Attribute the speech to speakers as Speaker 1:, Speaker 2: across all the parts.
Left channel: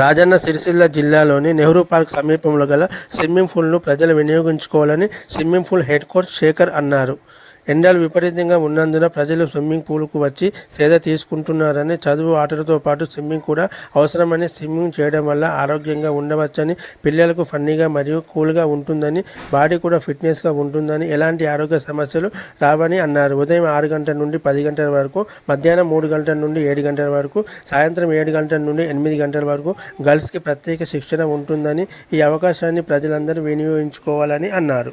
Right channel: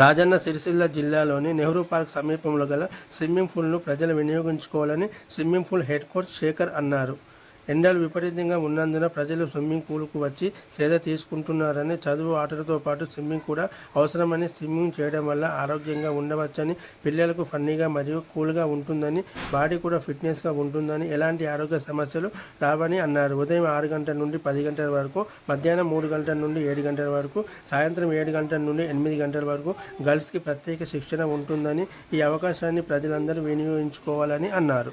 Speaker 1: రాజన్న సిరిసిల్ల జిల్లాలోని నెహ్రూ పార్క్ సమీపంలో గల స్విమ్మింగ్ పూల్ను ప్రజలు వినియోగించుకోవాలని swimming pool head coach Shekhar అన్నారు. ఎండలు విపరీతంగా ఉన్నందున ప్రజలు స్విమ్మింగ్ పూల్కు వచ్చి సేద తీసుకుంటున్నారని చదువు ఆటలతో పాటు స్విమ్మింగ్ కూడా అవసరమని స్విమ్మింగ్ చేయడం వల్ల ఆరోగ్యంగా ఉండవచ్చని పిల్లలకు ఫన్నీగా మరియు కూల్గా ఉంటుందని బాడీ కూడా ఫిట్నెస్గా ఉంటుందని ఎలాంటి ఆరోగ్య సమస్యలు రావని అన్నారు. ఉదయం ఆరు గంటల నుండి పది గంటల వరకు మధ్యాహ్నం మూడు గంటల నుండి ఏడు గంటల వరకు సాయంత్రం ఏడు గంటల నుండి ఎనిమిది గంటల వరకు గర్ల్స్కి ప్రత్యేక శిక్షణ ఉంటుందని ఈ అవకాశాన్ని ప్రజలందరూ వినియోగించుకోవాలని అన్నారు.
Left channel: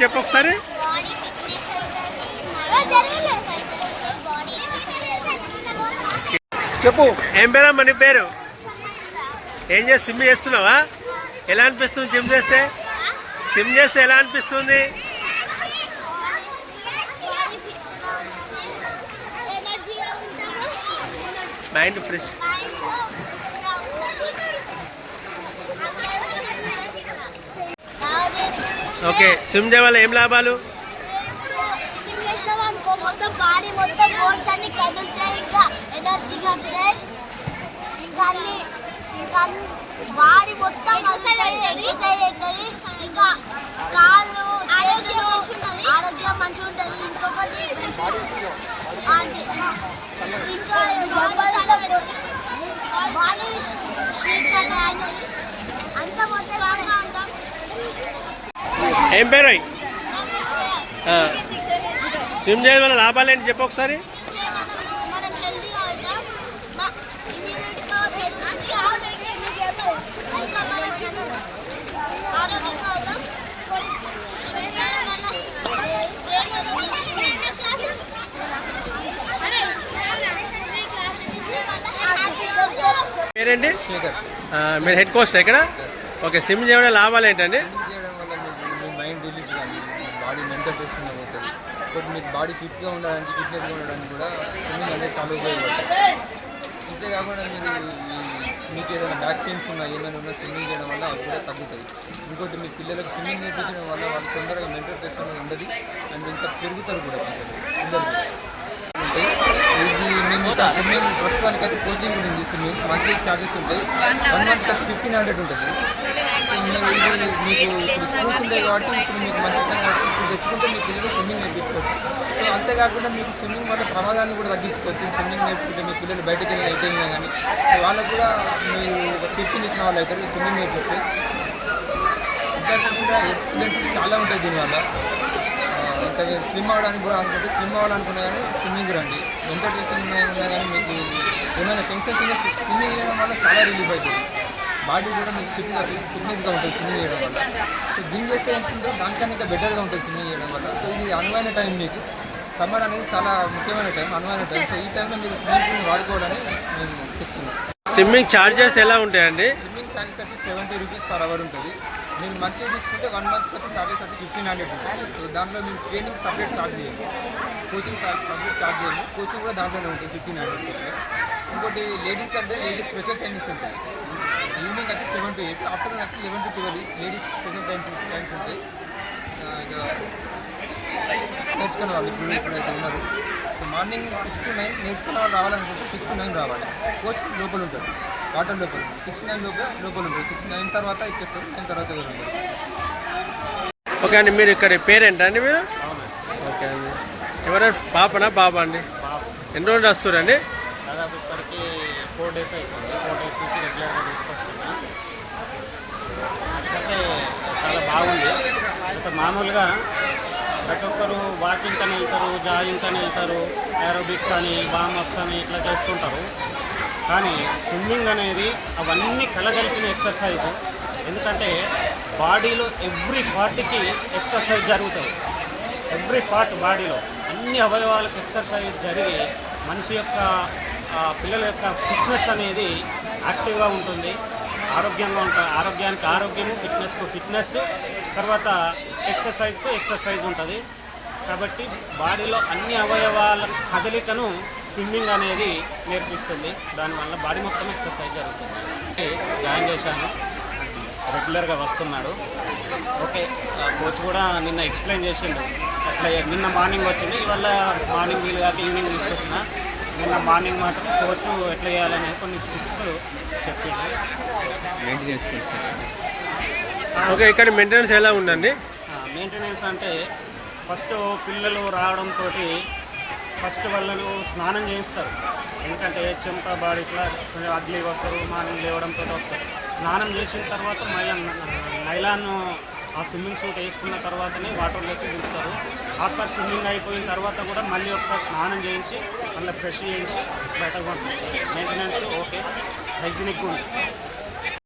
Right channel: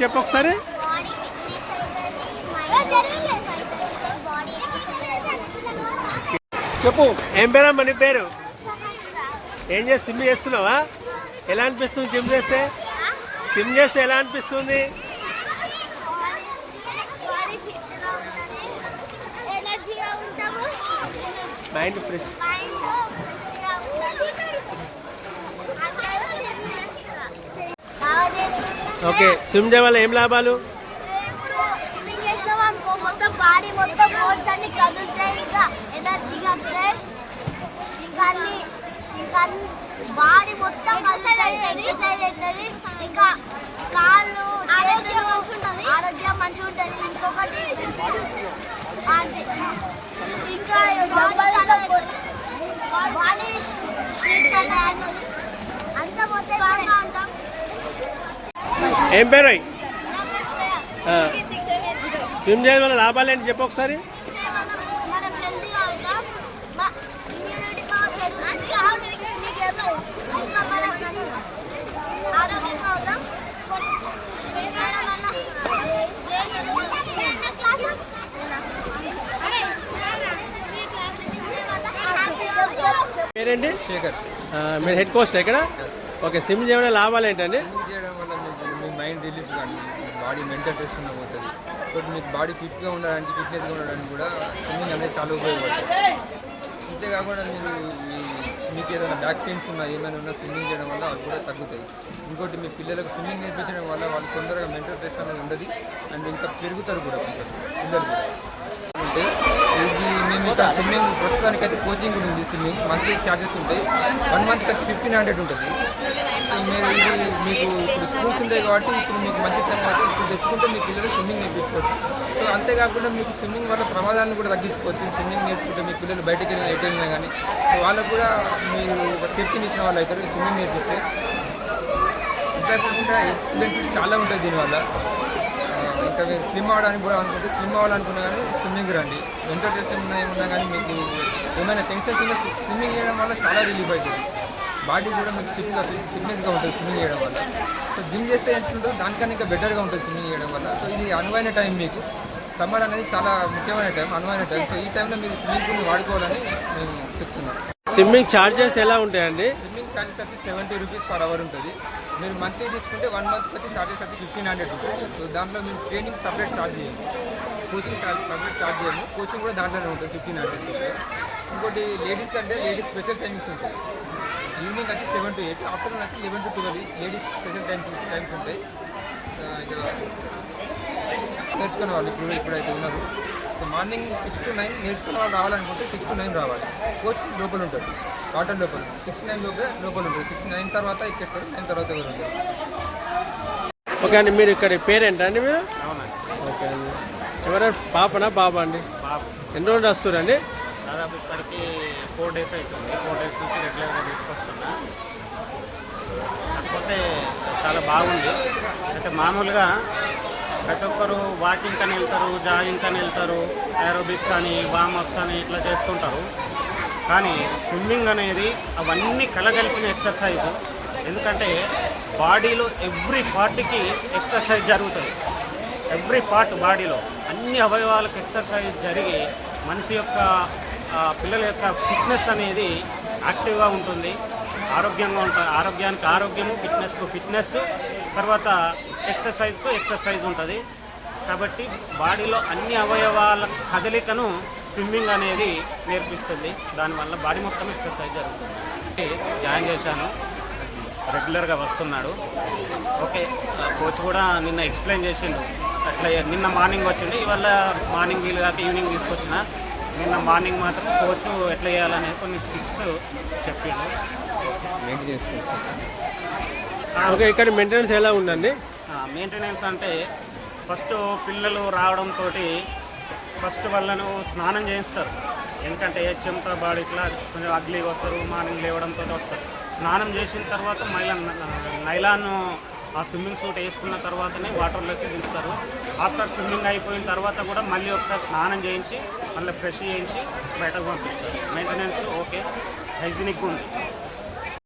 Speaker 1: చెప్పు ఒకసారి. చెప్పు. ఏం పేరమ్మా నీ పేరు? ఏం చేసి సిమ్ చేస్తున్నావా? ఎలా అనిపిస్తుంది జిమ్ చేస్తే? సిమ్ చేస్తే ఎలా అనిపిస్తుంది? మైండ్ ఫ్రెష్
Speaker 2: మైండ్ ఫ్రెష్గా ఉంటుంది అందరూ స్విమ్ చేస్తున్నారు
Speaker 1: ఓకే స్విమ్ చేయడం వల్ల ఏం లాభాలు?
Speaker 2: స్విమ్మింగ్ చేసినాం అనుకో మొత్తం బాడీ మొత్తం బోన్స్ అన్ని కదులుతాయి ఇంకా ఎనర్జీగా వస్తాయి. ఇంకా అన్ని ఇంకా బాడీ మొత్తం ఎక్సర్సైజ్ అవుతుంది. ఇంకా కాళ్ళు చేతులు ఆరోగ్యం మంచిగా ఉంటుంది ఇంకొకటి ఇంకా బాడీ అంతా మొత్తం
Speaker 1: ఏం పేరు. స్విమ్ చేయడం వల్ల లాభాలు ఏంటి చెప్పు ఒకసారి. పేరేంటి? మీరు హెడ్ కోచ్ ఇక్కడ ఓకే స్విమ్ చేయడం వల్ల లాభాలు ఏంటండి
Speaker 3: స్విమ్మింగ్ చేయడం వల్ల మీకు మీ మైండ్ రిలీఫ్ కానీ బాడీ మెంటల్ టెస్ట్ పోతుంది. ఇంకోటి మీకు బాడీ ఫిట్గా ఉండడానికి ఫిట్నెస్గా ఉండడానికి కూడా స్విమ్మింగ్ అనేది చాలా ఉపయోగపడుతుంది. అంతేకాకుండా మీరు మీకు ఏదైనా బ్యాక్ పెయిన్స్ ఉన్నా ఏమైనా ఉన్నా స్విమ్మింగ్ చేయడం వల్ల అవి కూడా తగ్గుతాయి ఇంకోటి మీ పిల్లలకు స్విమ్మింగ్ నేర్పించడం వల్ల వాళ్ళు తొందరగా మెంటల్ టెస్ట్ అనేది ఉండదు. అండ్ ఇంకా పెరుగుతారు కూడా కొంచెం పిల్లలు కూడా. ఇది మేము ఇక్కడ స్విమ్మింగ్ ప్రస్తుతానికి అయితే కోచింగ్ కూడా ఉంది స్విమ్మింగ్. మంత్లీ ఛార్జెస్ ఉంటాయి. వన్ మంత్కి వచ్చి ఫిఫ్టీన్ హండ్రెడ్ ఉంటుంది. సో మీరు ఇది మీకు స్కూల్స్ ఉంటాయి కాబట్టి ఇప్పుడు మీకు మంచి టైం కాబట్టి ఇప్పుడు తెచ్చుకుంటే మీ పిల్లలు స్విమ్మింగ్ నేర్పించుకోవచ్చు. సో అంతేకాకుండా మీకు స్విమ్మింగ్ వల్ల ప్రమాదాలను కూడా తగ్గించుకోవచ్చు. స్విమ్మింగ్ నేర్చుకుంటే మీ పిల్లలు బయటకు వెళ్ళిన ఎటు వెళ్ళినా కానీ సో వాళ్ళకు కూడా మీరు ఒక సేఫ్టీని ఇచ్చిన వాళ్ళు అవుతారు స్విమ్మింగ్ నేర్పిస్తే. అంతేకాకుండా బెనిఫిట్స్ చాలా ఉంటాయి దీనివల్ల. ఇంకా మీరు స్విమ్ అవ్వడానికి కూడా అనుకుంటే స్విమ్ అవ్వాలనుకున్నా కానీ స్విమ్మింగ్ రండి. ఎంటర్టైన్మెంట్ ఉన్నా కానీ మీకు ఏమైనా టెన్షన్స్ ఉన్నా స్విమ్మింగ్ చేయడం వల్ల చాలా రిలీఫ్ అవుతుంది. బాడీ కూడా మీకు స్టిఫ్గా ఫిట్నెస్గా ఉంటుంది స్విమ్మింగ్ చేయడం వల్ల. సో జిమ్ చేస్తే ఎంత ఉంటుందో దానికన్నా ఇంకా బెటర్గా ఉంటుంది స్విమ్మింగ్ చేయడం వల్ల. సో ఇది అనువైన టైం మీకు. సమ్మర్ అనేది చాలా ముఖ్యమైన టైం అనువైన టైం. సో ఈ టైంలో మీరు స్విమ్మింగ్ పూల్ని వాడుకోవాలని మేము చెప్తున్నాం.
Speaker 1: స్విమ్మింగ్ ఛార్జెస్ ఎలా ఉంటాయండి?
Speaker 3: స్విమ్మింగ్ ఛార్జెస్ వచ్చి సెవెంటీ రూపీస్ పర్ అవర్ ఉంటుంది. మీరు మంత్లీ తీసుకుంటే వన్ మంత్కి వచ్చి ఛార్జెస్ వచ్చి ఫిఫ్టీన్ హండ్రెడ్ ఉంటుంది. సో దాంట్లో మీరు ట్రైనింగ్ సపరేట్ ఛార్జ్ చేయండి కోచింగ్ సపరేట్ ఛార్జ్ చేయము. కోచింగ్ కూడా దాంట్లోనే ఉంటుంది ఫిఫ్టీన్ హండ్రెడ్ ఇంకోటి లేడీస్ కంటే లేడీస్ స్పెషల్ టైమింగ్స్ ఉంటాయి. ఈవినింగ్ వచ్చి సెవెన్ టు ఎయిట్ ఆఫ్టర్నూన్ వచ్చి eleven to twelve ladies special times times ఉంటాయి. ఇక నేర్చుకునే వాళ్ళు ఇప్పుడు ఇప్పుడైతే ఉన్నారు. So morning six to nine నేర్చుకున్న వాళ్ళు రావాలనుకుంటే సిక్స్ టు నైన్ రావాలి. కోచ్ లోపల ఉంటుంది వాటర్ లోపల సిక్స్ నైన్ లోపల లోపల ఉంటుంది సిక్స్ నైన్ తర్వాత ఎక్కేస్తారు నైన్ తర్వాత ఎవరు ఉంటారు?
Speaker 1: ఓకే అండి మీరు ఇక్కడ పేరేంటండి మీరు? ఓకే అండి. ఎవరైనా పాపనా బాబా అండి? ఎన్ని రోజులు వస్తారండి
Speaker 4: దాదాపు ఇప్పటికి ఫోర్ డేస్ అవుతుంది ఫోర్ డేస్ నుంచి రెగ్యులర్గా తీసుకొస్తున్నా. కాకపోతే చాలా బాగుంది. అయితే మామూలుగా ప్రతి ఒక్కరు వాకింగ్ అని వెళ్తారు జాగింగ్ అని వెళ్తారు ఏరోబిక్స్ అని వామప్స్ అని ఇట్లా చేస్తుంటారు. కానీ స్విమ్మింగ్ అనేది అవన్నీ కలగలిపిన ఎక్సర్సైజ్. ఎందుకంటే బాడీలో ఎవ్రీ పార్ట్కి ఎక్సర్సైజ్ జరుగుతుంది. ఎవ్రీ పార్ట్ బాడీలో అన్ని అవయవాలకు ఎక్సర్సైజ్ జరిగి మనిషి యొక్క పిల్లల యొక్క ఫిట్నెస్ అనేది యాక్టివ్గా ఉంటుంది. ఆరోగ్యంగా ఉంటుంది ఆరోగ్యానికి ఆరోగ్యము ఫిట్నెస్కు ఫిట్నెస్ తర్వాత ఎక్సర్సైజ్కు ఎక్సర్సైజ్ ఉంటుంది. కాబట్టి బాడీలో అన్ని అవయవాల కదలికను స్విమ్మింగ్ అనేది నేర్పిస్తుంది. దానివల్ల బాడీ మొత్తం ఎక్సర్సైజ్ జరుగుతుంది. జాయిన్ చేశాను. రెగ్యులర్గా వస్తున్నాడు. ఓకే కోచ్ కూడా నిన్న ఎక్స్ప్లెయిన్ చేసిండు. అట్లా నిన్న మార్నింగ్ వచ్చింది ఇవాళ మార్నింగ్ వీలు కాక ఈవినింగ్ తీసుకొచ్చిన. నిన్న మార్నింగ్ మాత్రం కోచ్ ఎట్లా చేయాలనేది కొన్ని టిప్స్ చెప్పిండు.
Speaker 3: మెయింటెనెన్స్
Speaker 1: ఓకే ఇక్కడ మెయింటెనెన్స్ ఎలా ఉందండి?
Speaker 4: మెయింటెనెన్స్ అంటే ఫస్ట్ పిల్లలు రావడంతో ఫస్ట్ వాళ్ళను స్నానం చేయిస్తారు. ఎందుకంటే చెమట బాడీ ఇట్లా కొంచెం అగ్లీగా వస్తారు మార్నింగ్ లేవడంతో వస్తారు. స్నానం చేసిన తర్వాత మళ్ళీ నైలాన్ ఆ స్విమ్మింగ్ సూట్ వేసుకున్న తర్వాతనే వాటర్లోకి దింపుతారు. ఆఫ్టర్ స్విమ్మింగ్ అయిపోయిన తర్వాత కూడా మళ్ళీ ఒకసారి స్నానం చేయించి మళ్ళీ ఫ్రెష్ చేయించి బయటకు పంపిస్తారు. Maintenance okay. హైజీనిక్గా ఉంది